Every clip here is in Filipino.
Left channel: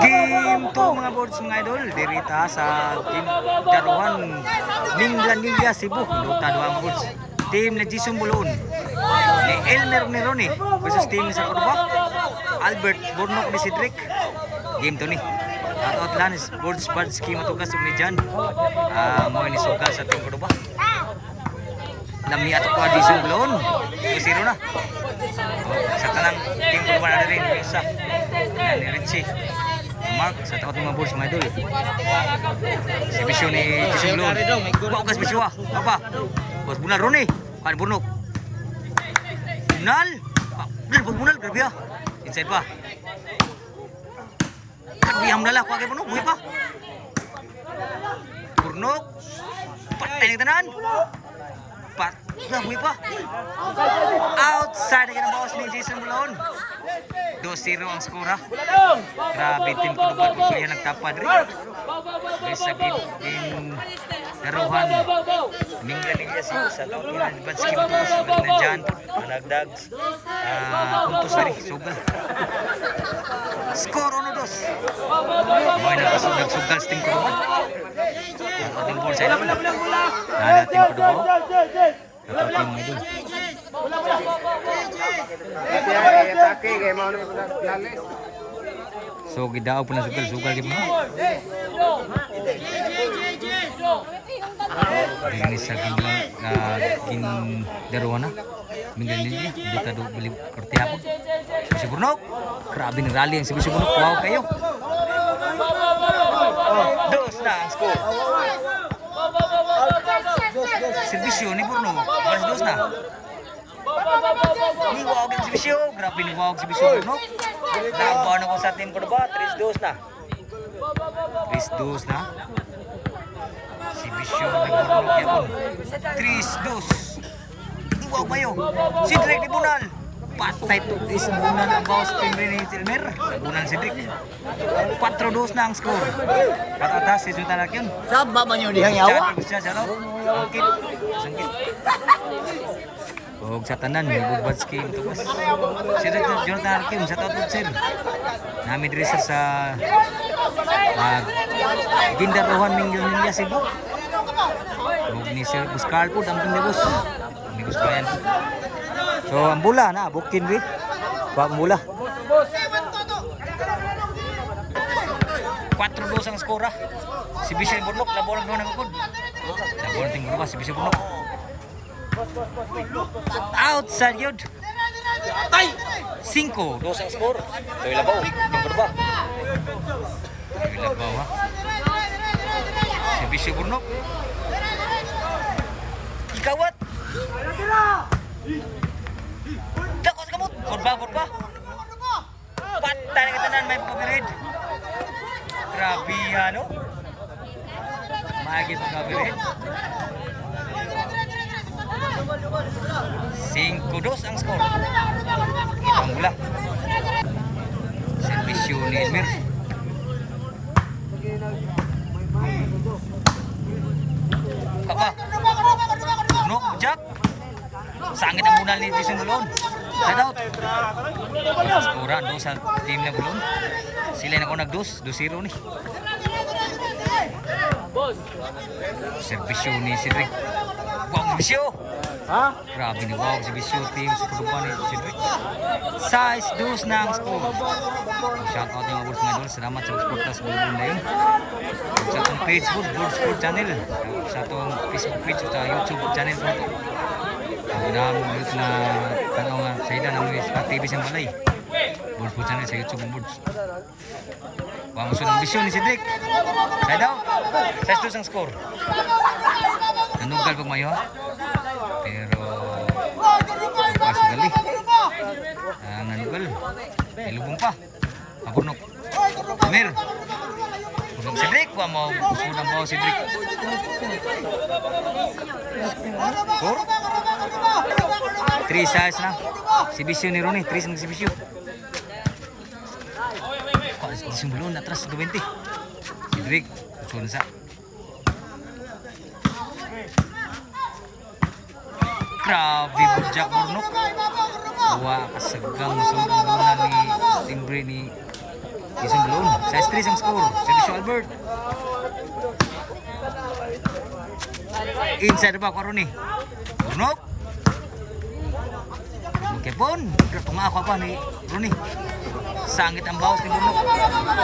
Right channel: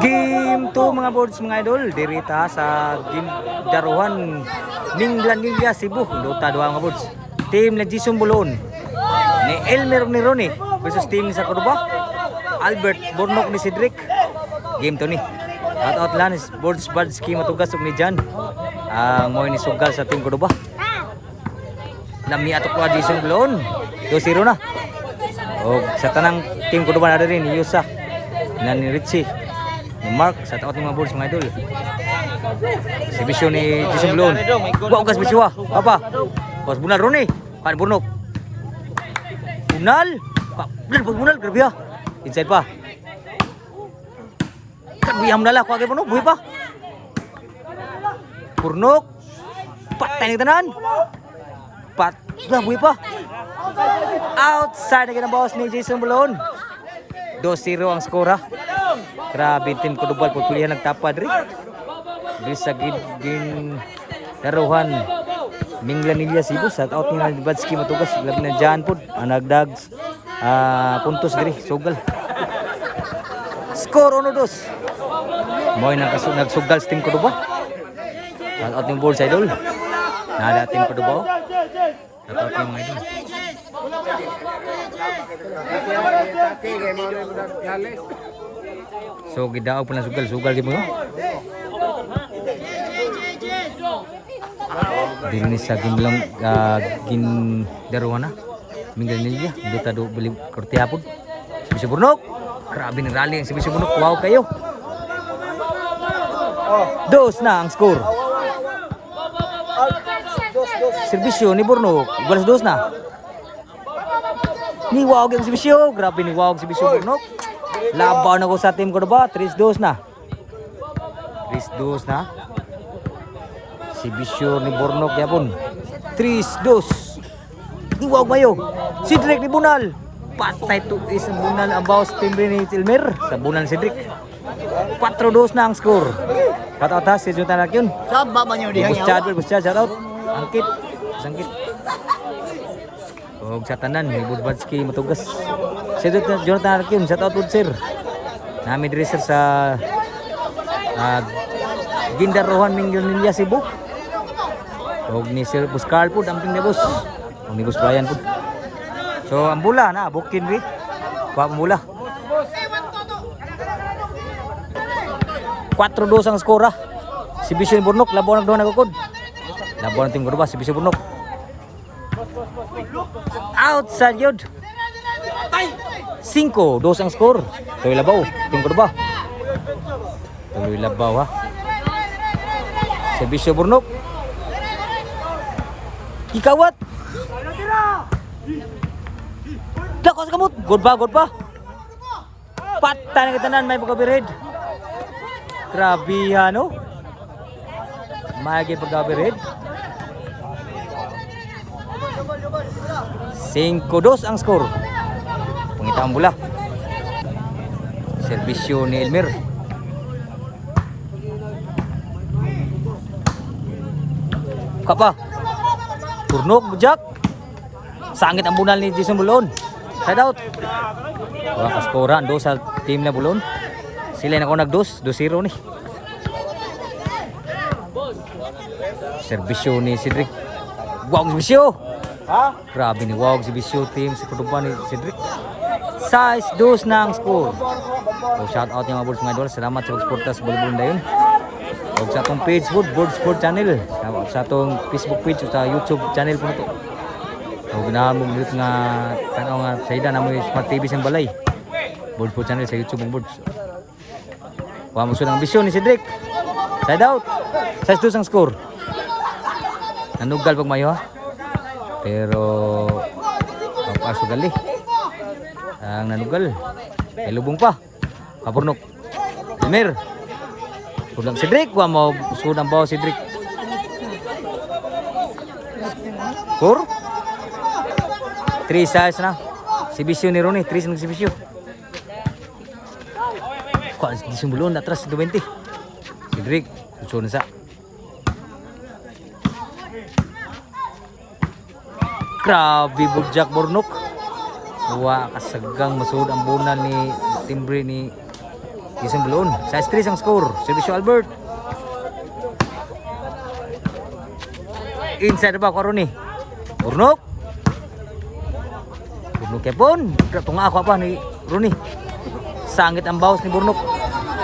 Game 2 mga boards mga idol, dirita sa Daruhan Minglanilla Cebu, Dota 2 mga boards. Team na Jisung Buloon ni Elmer ni Ronnie versus team ni Sakurba Albert Bornok ni Cedric. Game 2 ni. Shout out lang is boards Badski matugas ug ni Jan. Mo ni sugal sa team Cordoba. Lami ato ko Jisung Buloon. 2-0 na. O sa tanang team Cordoba na rin Yusa na ni Richie. Mark sa taot ng mga boards mga idol. Exhibition ni Jisung Buloon. Wa ugas bisiwa. Apa? Bos Bunal Roni. Pan Burnok. Bunal. Bunal grabe ah. Inside pa. Grabe am dala ko age Burnok buhi pa. Burnok. Patay ni tanan. Lah buhi pa. Outside lagi ng boss ni Jisung Buloon. 2-0 ang skora. Grabe team Cordoba pilihan nagtapad rin. Diri sa gin Daruhan Minglanilla Cebu sa out ni Badski matugas lab na Jan pod nagdag puntos diri sugal. Score 1-2. Moy nagsugal sa team Cordoba. Sa out ning ball sa idol. Nada team Cordoba. Sa out ning mga idol. So gidaog pa na sugal gyud mo. Diri ni sa gimlang gin Daruhan na Minglanilla Dota do beli kortehapon. Sibisyo Burnok. Grabe ni rally ang Sibisyo Burnok. Wow kayo. Dos na ang score. Sibisyo ni Burnok. Balas dos na. Ni wow ang Sibisyo. Grabe ni wow ang Sibisyo Burnok. Laban ako sa team Cordoba. 3-2 na. 3-2 na. Sibisyo ni Burnok yapon. 3-2. Iwaw mayo. Cedric ni Bunal. Patay to isang Bunal ang bawas team rin ni Elmer. Sa Bunal Cedric. 4-2 na ang score. Kata-kata si Junta na yun. Saan ba ba nyo dihang yawa? Shout out. Angkit. Sangkit. Og sa tanan ni Budbadski matugas. Si Jonathan Arkin shout out pod sir. Nami diri sir sa Daruhan Minglanilla Cebu. Og ni Sir Buscar pod amping ni boss. Ni boss Brian pod. So ang bula na bukin ri. Wa mula. 4-2 ang skora. Sibisyo ni Burnok labaw na daw nagukod. Labaw ng team Cordoba Sibisyo Burnok. Outside yun. 5-2 ang score. Tuloy labaw. Team Cordoba. Tuloy labaw ha. Sibisyo Burnok. Ikawat. Dakos kamot. Good pa. Patay na kitanan may pagkabirid. Grabe no. Mahigit pagkabirid. 5-2 ang score. Pangita ang bola. Serbisyo ni Elmer. Kapa. Burnok bujak. Sangit ang bunal ni Jisung Buloon. Side out. Wala skoran do sa team na Buloon. Sila na ko nag-2, 2-0 ni. Serbisyo ni Cedric. Wow, serbisyo. Grabe ni wow Sibisyo team sa Cordoba ni Cedric. 6-2 na ang score. So shout out yung mga boards mga idol. Salamat sa pagsuporta sa Bulbunda yun. O sa atong page po, Board Sport Channel. Sa atong Facebook page o sa YouTube channel po na to. So ginahamog dito nga tanaw nga sa ida na mo Smart TV sa balay. Board Sport Channel sa YouTube ng boards. Wa mo sunang ambisyon ni Cedric. Side out. 6-2 ang score. Nanugal pag mayo ha. Pero papaso gali. Ang nanugal. Ay lubong pa. Kapurnok. Elmer. Pulang Cedric. Wa mo sudang bawa Cedric. 4. 3 size na. Sibisyo ni Ronnie. 3 ng Sibisyo. Jisung Buloon atras 20. Cedric. Susunod sa. Grabe Bujak Burnok. Wa kasagang masud ang bunan ni timbre ni Jason Bulon. Size 3 ang score. Servisyo Albert. Inside ba ko ni Burnok. Burnok yapon. Tunga ako pa ni Rooney. Sangit ang bawas ni Burnok.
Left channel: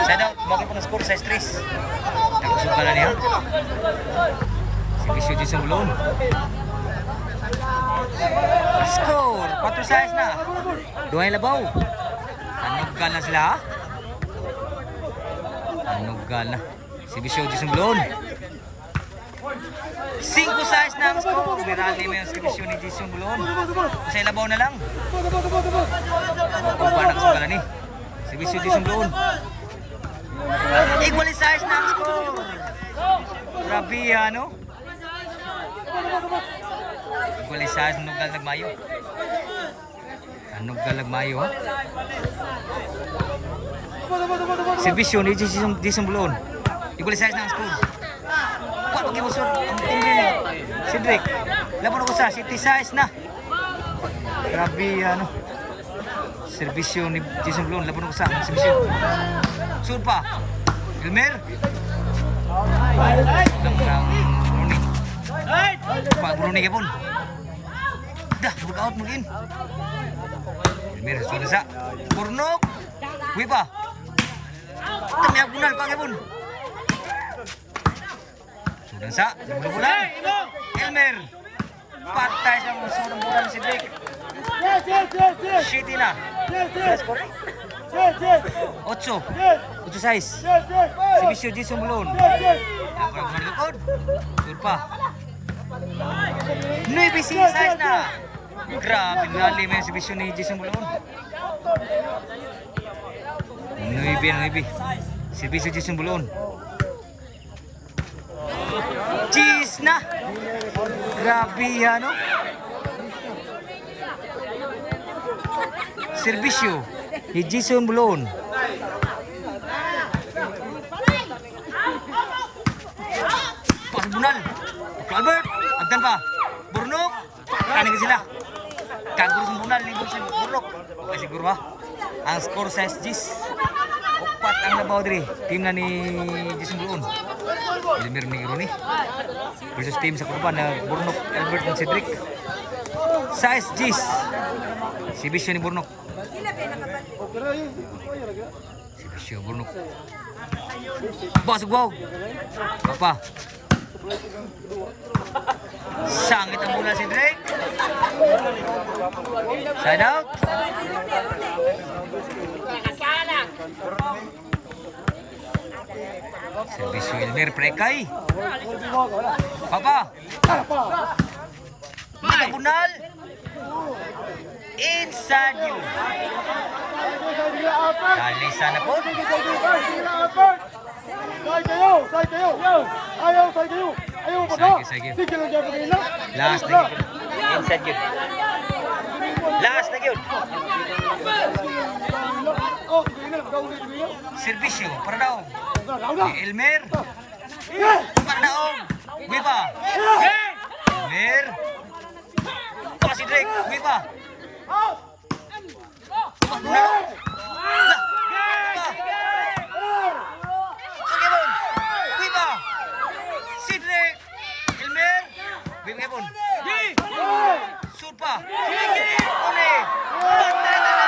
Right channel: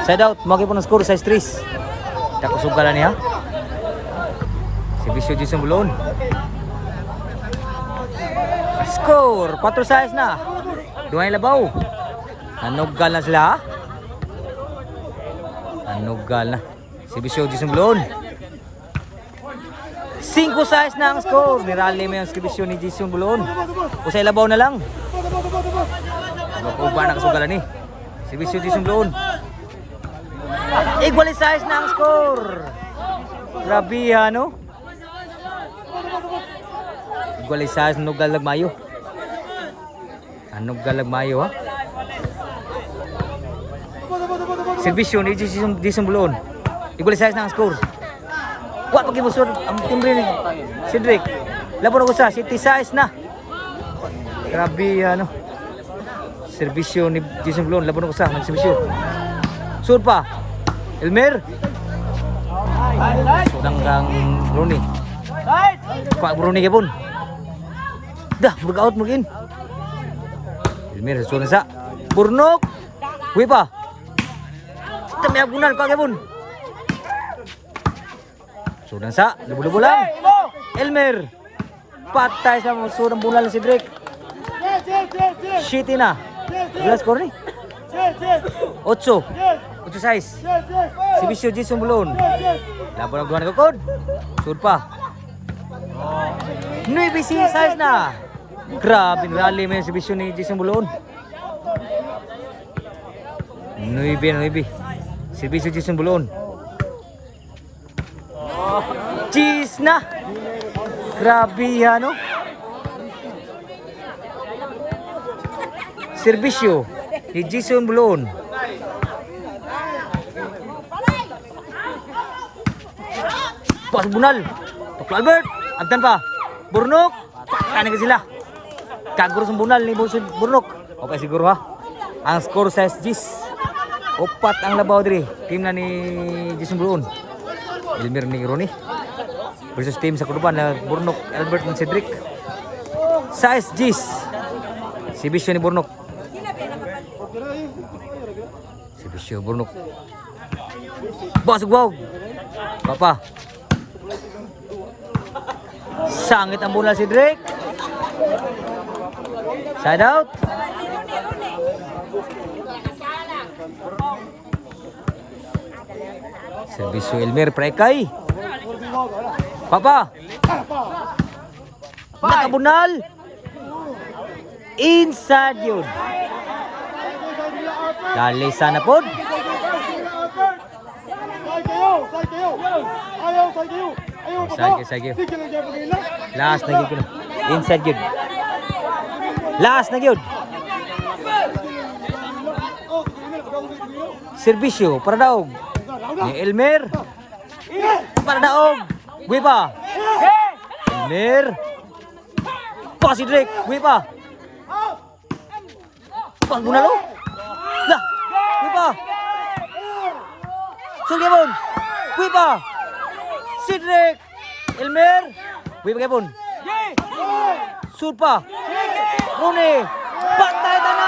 Side out. Maki po ng score. Size 3. Takusog ka lang niya. Servisyo Jason Bulon. Score. 4 size na. Duhay labaw. Nanugal na sila ha. Nanugal na. Servisyo Jason Bulon. 5 size na ang score. Nirali mo yung servisyo ni Jason Bulon. Usay labaw na lang. Makuha na kasugalan eh. Servisyo Jason Bulon. Equally size na ang score. Grabe no? Equally size. Nugal lagmayo. Nugal lagmayo ha. Servisyo ni Jason Bulon. Equally size na ang score. Wala pag-ibusod ang timbre ni Cedric. Laban ako sa city size na. Grabe ano. Servisyo ni Jason Bulon. Laban ako sa servisyo. Sud pa. Elmer. Sudang Rooney. Pak Rooney kapon. Dah workout mungkin. Elmer sud sa. Burnok. Wi pa. Tamya bunal ka kapon. Sudan sa, lubo-lubo lang. Elmer. Patay sa sudang bunal si Cedric. Shitty na. Belas score ni. 8. 8-6. Servisyo Jason Bulon. Laban ang duhan kakod. Sud pa. 9 size na. Grabe rally mo yung servisyo ni Jason Bulon. 9. Servisyo Jason Bulon. Cheese na. Grabe ano. Servisyo ni Jason Bulon. Pas bunal. Tuklo Albert. Agdan pa. Burnok. Patay na sila. Kaguro sa bunal ni Burnok. Okay siguro ha. Ang score sa SGs. Opat ang labaw diri. Team na ni Jason Bulon. Elmer ni Rooney versus team sa Kuruban na Burnok, Albert dan Cedric. Size G's. Servisyo ni Burnok. Servisyo Burnok. Bos wow. Papa. Sangit ang bola Cedric. Side out. Servisyo Elmer Prekay. Papa. Nakabunal. Inside yun. Dali sana po. Side. Last na yun. Inside yun. Last na yun. Servisyo para daw. Ni Elmer. Para daog. Wipa. Elmer. Pa si Drake. Wipa. Pag bunalo. Lah. Wipa. Sulyamon. Wipa. Si Drake. Elmer. Wipa kapon. Sud pa. Rooney. Patay na.